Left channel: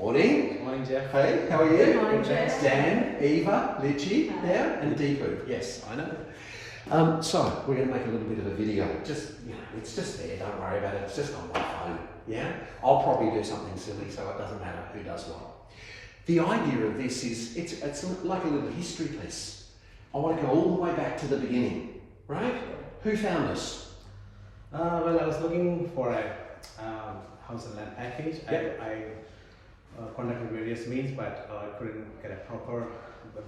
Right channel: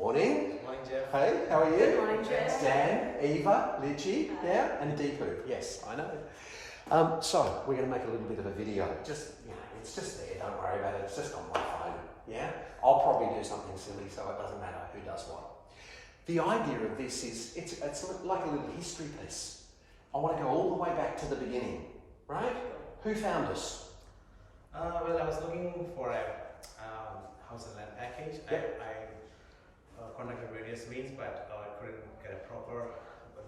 Morning. Morning, Jeff. Hey, how are you? Good morning, Jeff. Dan, Eva, Liji, Hi. yeah, and Deepu. Yes, I know. So we're going to make a little bit of a video. Just, it's just there. Don't worry about it. It's just on my phone. Yeah. I'll probably do something silly, so it doesn't matter who does what. The idea of this is it's like a little history piece. I want to go all the way back to the beginning, right? Who found us? Well, I was looking for a house and land package. Yep. I contacted various means, but I couldn't get a proper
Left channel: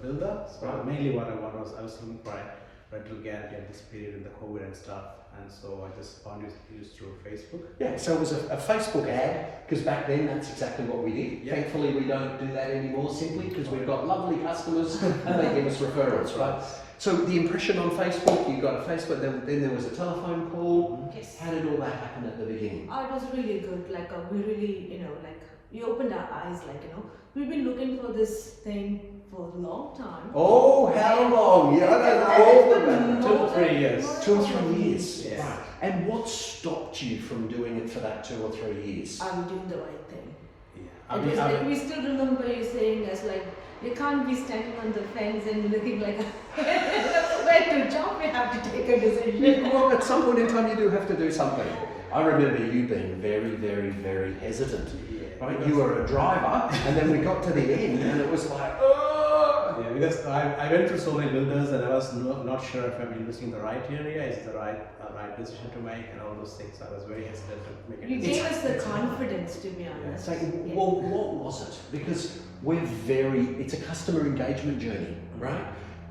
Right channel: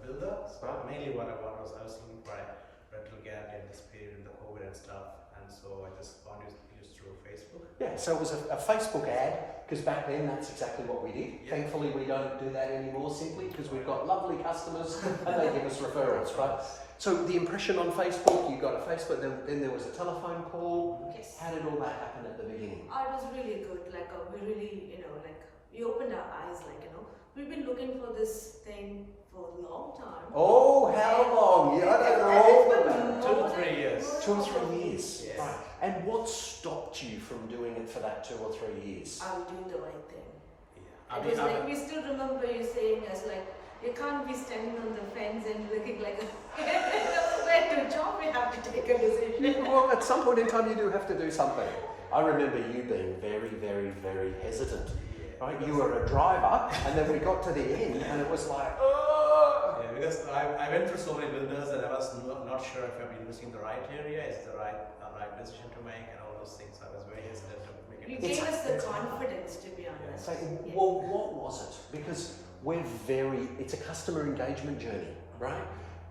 builder. So mainly what I want was I was looking for a rental guarantee at this period in the COVID and stuff, and so I just found it through Facebook. Yeah, so it was a Facebook ad, because back then that's exactly what we did. Yep. Thankfully we don't do that anymore, simply because we've got lovely customers and they give us referrals, right? So the impression on Facebook, you got a Facebook, then there was a telephone call. Yes. How did all that happen at the beginning? Oh, it was really good. We really, we opened our eyes. We've been looking for this thing for a long time. Oh, how long? Yeah, I don't know. 2 to 3 years. 2 or 3 years. Yes. Right. And what stopped you from doing it for that 2 or 3 years? Are we doing the right thing? Yeah. We still remember you saying us you can't be standing on the fence and looking like where to jump. We have to take a decision. Well, at some point in time you do have to do something. I remember you being very, very, very hesitant. Right? You were a driver, and then we got to the end, and it was like, oh! Yeah, because I went through so many builders, and I was not sure if I'm investing in the right area, is the right decision to make, and all those things. I was very hesitant to make a You decision. gave us the confidence, to be honest. So, well, what was it? Because it's a customer engagement journey, right?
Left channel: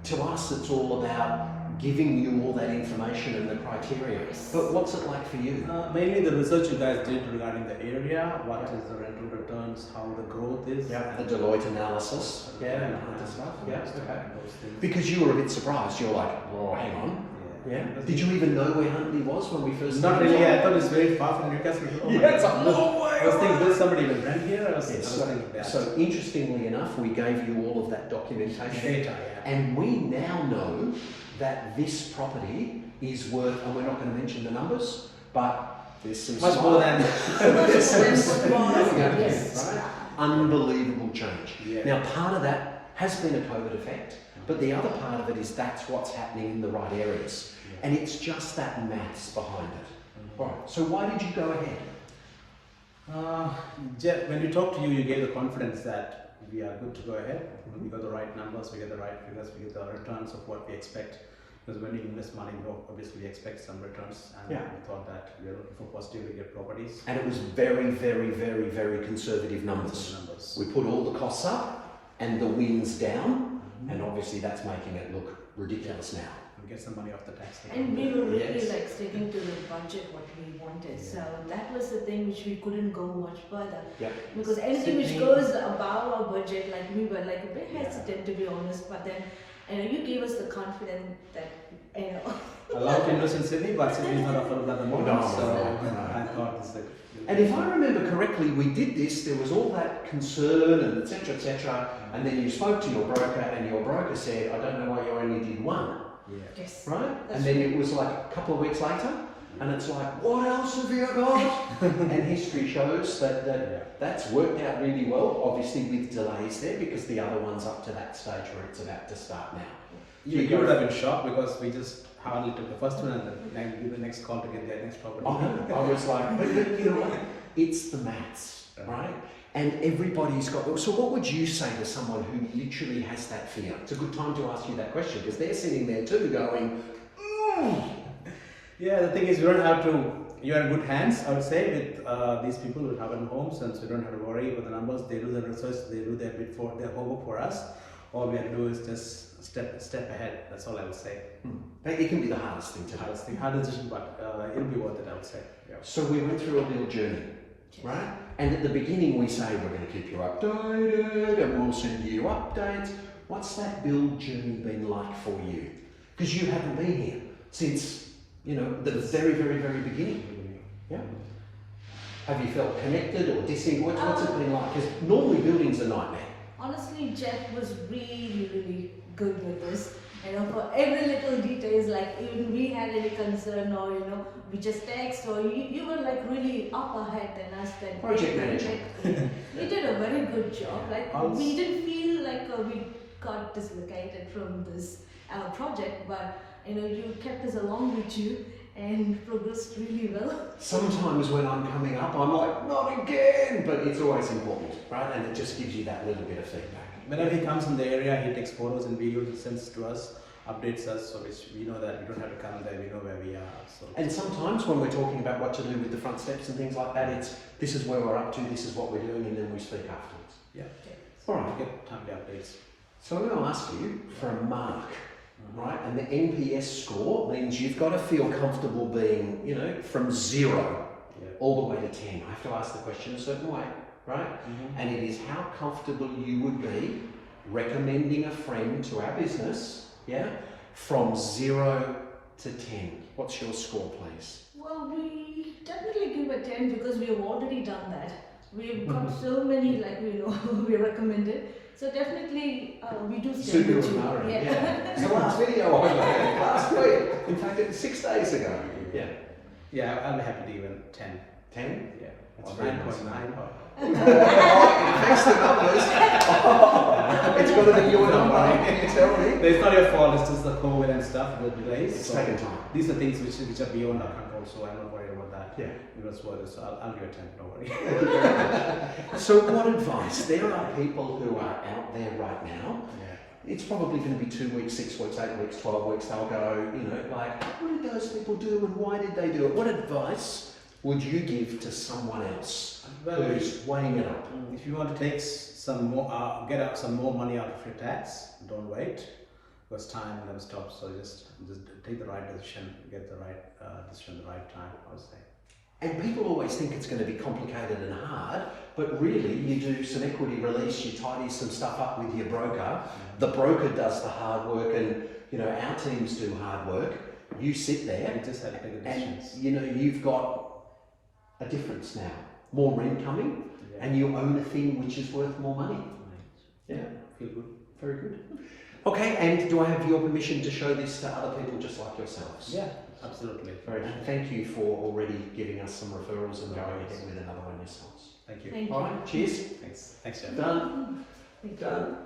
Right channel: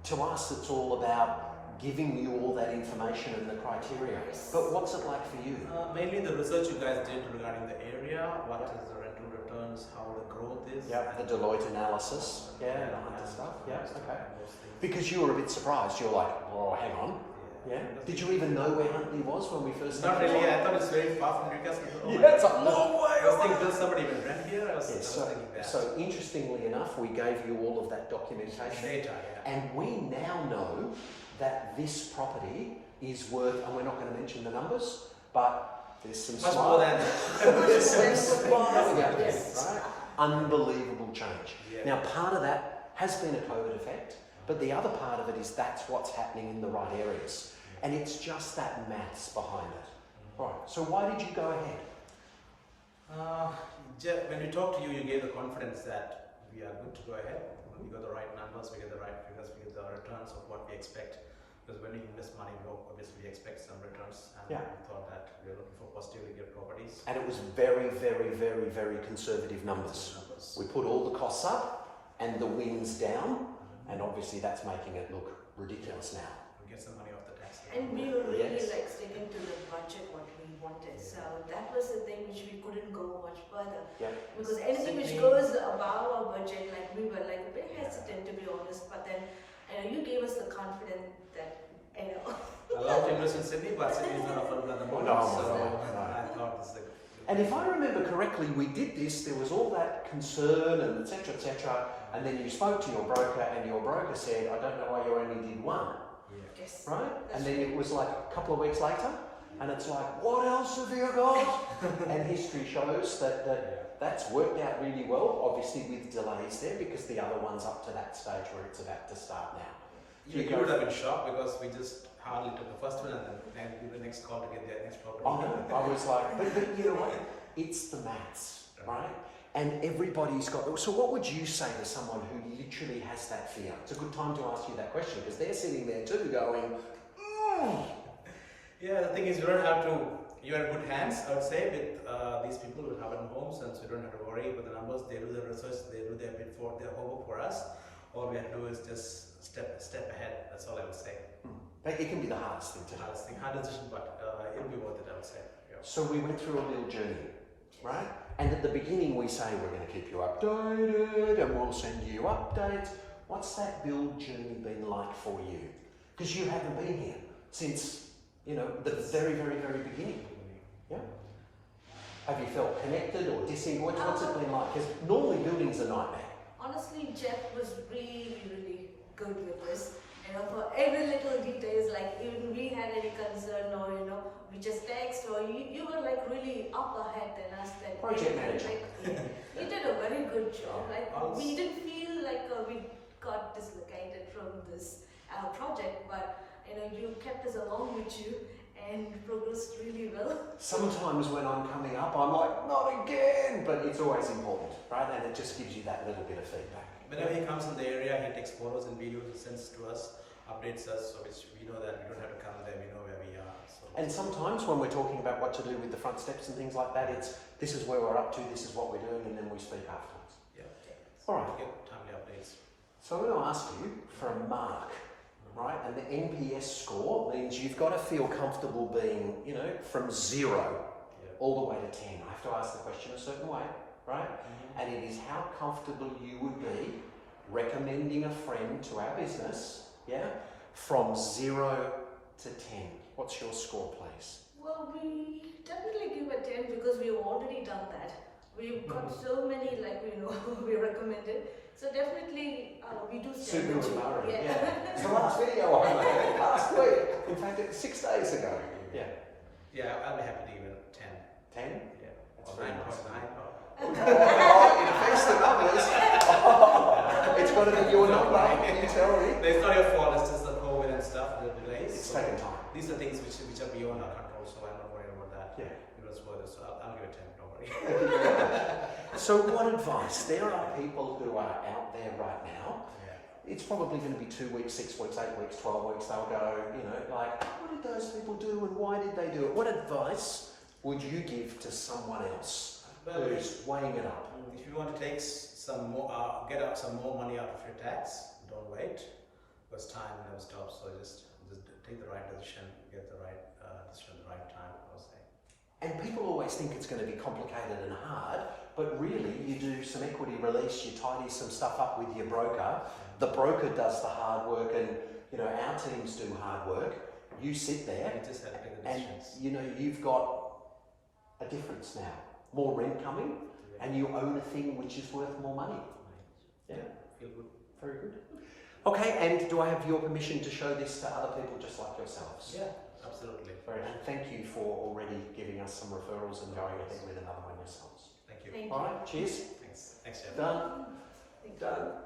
To us, it's all about giving you all that information and the criteria. But what's it like for you? Mainly the research you guys did regarding the area, what is the rental returns, how the growth is. Yeah, the Deloitte analysis. Yeah, and the stuff. Yeah, okay. Those things. Because you were a bit surprised. You're like, oh, hang on. Yeah. Did you even know where Huntley was when we first Not started? really. I thought it was very far from Newcastle. Oh my Yeah, it's a God. long way I was thinking, away. will somebody even rent here? I was thinking that. So interestingly enough, we gave you all of that documentation. Data, yeah. And we now know that this property is worth, and we're not going to mention the numbers, but there's some Much more than there's some smiling at you, Yes. right? Unbelievable change. Yeah. Now, part of that has been a COVID effect, but the other part of it is that's what's happening in the right areas. And it's just that maths behind it. All right, so why did you go ahead? Jeff, when we talked to you, you gave the confidence that we are good to go ahead. We got the right numbers, we get the right figures, we get the returns of what we expect. Because when you invest money, you obviously expect some returns, and we thought that we are looking for positively get properties. And it was very, very, very, very conservative numbers. We put all the costs up and the wins down, and obviously that's making it look ridiculous now. We get some money off the tax. And we were really sticking to the budget what we wanted. So that was the thing which we couldn't go much further. Yeah. Because anything which goes above our budget, we were a bit hesitant to be honest. But then, you gave us the confidence that A lot of interest in Sydney, but Sydney is not affordable at the moment. No, so no. I thought it's like. And if I remember correctly, we did this, there was all that concern and etc., and then you spoke to your broker and your broker said, I don't know why you only did one, yes. right? And then it was like a couple of weeks later, and it's like, what else have you got? And history shows that that's worked out really well, obviously with delays there, because the other one's up to that stage where it's about to start now. You would have been shocked because we just hardly took the first one and then give the next call to get their next property. I was like, but you know what? It's the maths, right? And everybody's got. So, what would you say to someone who literally has that fear? It's a good time to ask you that question because they're sitting there too, going, "Ooh." Yeah, the thing is, you don't have to. You're in good hands, I would say, with these people who have homes, and so you don't have to worry about the numbers. They do the research, they do their bit for their homework for us. All we have to do is just step ahead. That's all I would say. It can be the hardest thing to do. Hard decision, but it'll be worth it, I would say. Yeah. So we went through a build journey, right? And at the beginning we say we're going to keep you updated and we'll send you updates. What's that build journey been like for you? Because you haven't been here since, the very, very, very beginning. Yeah. Have you felt connected or disengaged? What's it been like? Because normally building's a nightmare. Honestly, Jeff was really, really good with this. For every little details, like even we had any concern or we just text or you were like really up ahead than us. Then Project manager. You did a very good job. Like Also- we didn't feel like we got dislocated from this project, but you kept us along with you and progressed really well. Sometimes when I'm coming up, I'm like, not again, but it's always important, right? And it just gives you that little bit of feedback. Whenever he comes in the area, he takes photos and videos and sends to us, updates us, so which we know that we don't have to come there, we know where we are. So. And sometimes when we're talking about what to do with the front steps and things like that, it's this is where we're up to, this is what we're doing, and then we speak afterwards. Yeah. All right. We get timely updates. So I'm going to ask you for a mark, right? And the NPS score means you've got to feel comfortable being, from 0 all the way to 10. I have to ask the question a certain way, right? And it is how comfortable you would be recommending a friend to our business, from 0 to 10. What's your score, please? Well, we definitely give a 10 because we have already done that. We've got so many, we recommended. So definitely we do stand Super with you. Mario, Yeah. It's the last video I made last week. In fact, it was 6 days ago. Yeah. Yeah, I'll be happy to give it 10. 10? Yeah. That's Or very 9.9. Thanks the numbers. It's got to be your number. Can you tell me? It's not your fault, it's just the COVID and stuff, the delays. It's So taken time. these are things which are beyond our control, so I'm not worried about that. Yeah. That's what it is. I'll give it 10, don't worry. So what advice? There are people who are out there right now. Yeah. It's probably going to be 2 weeks, 6 weeks, 8 weeks, 12 weeks. They'll go, what did those people do and why did they do it? What advice would you give to someone else who's weighing it up? If you want to take some more, get out some more money out of your tax, don't wait, because time never stops. So just take the right decision, get the right decision at the right time, I would say. And people always think it's going to be complicated and hard, but really you do some equity release, you tidy some stuff up with your broker, the broker does the hard work and our teams do hard work, you sit there You just have to make the and decisions. you've got a difference now, more rent coming and you own a thing which is worth more money. Yeah, Feel good. very good. Okay, and do I have your permission to show this to other people just like yourselves? Yeah, absolutely. Very good. Thank you for already giving us some referrals and going ahead with another one yourselves. Thank you. Thank All you. right, cheers. Thanks, Jeff. Done. Thank you. Done.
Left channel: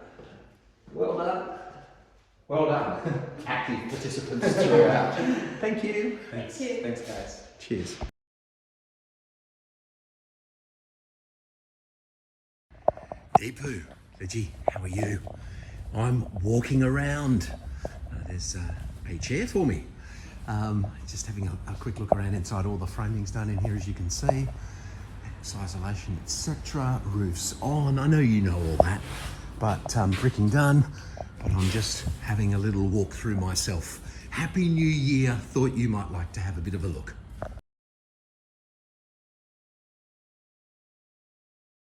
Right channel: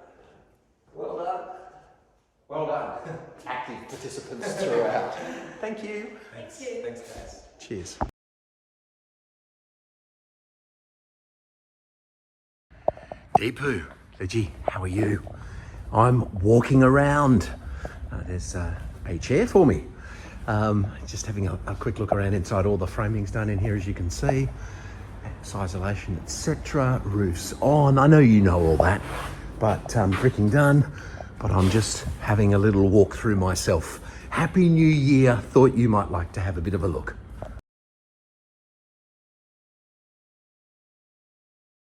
Well done. Well done. Active participants throughout. Thank you. Thanks. Thank you. Thanks, guys. Cheers. Deepu, Liji, how are you? I'm walking around. There's a chair for me. Just having a quick look around inside. All the framing's done in here, as you can see. Isolation, etc. Roofs on. I know you know all that, but bricking done. But I'm just having a little walk through myself. Happy New Year. Thought you might like to have a bit of a look.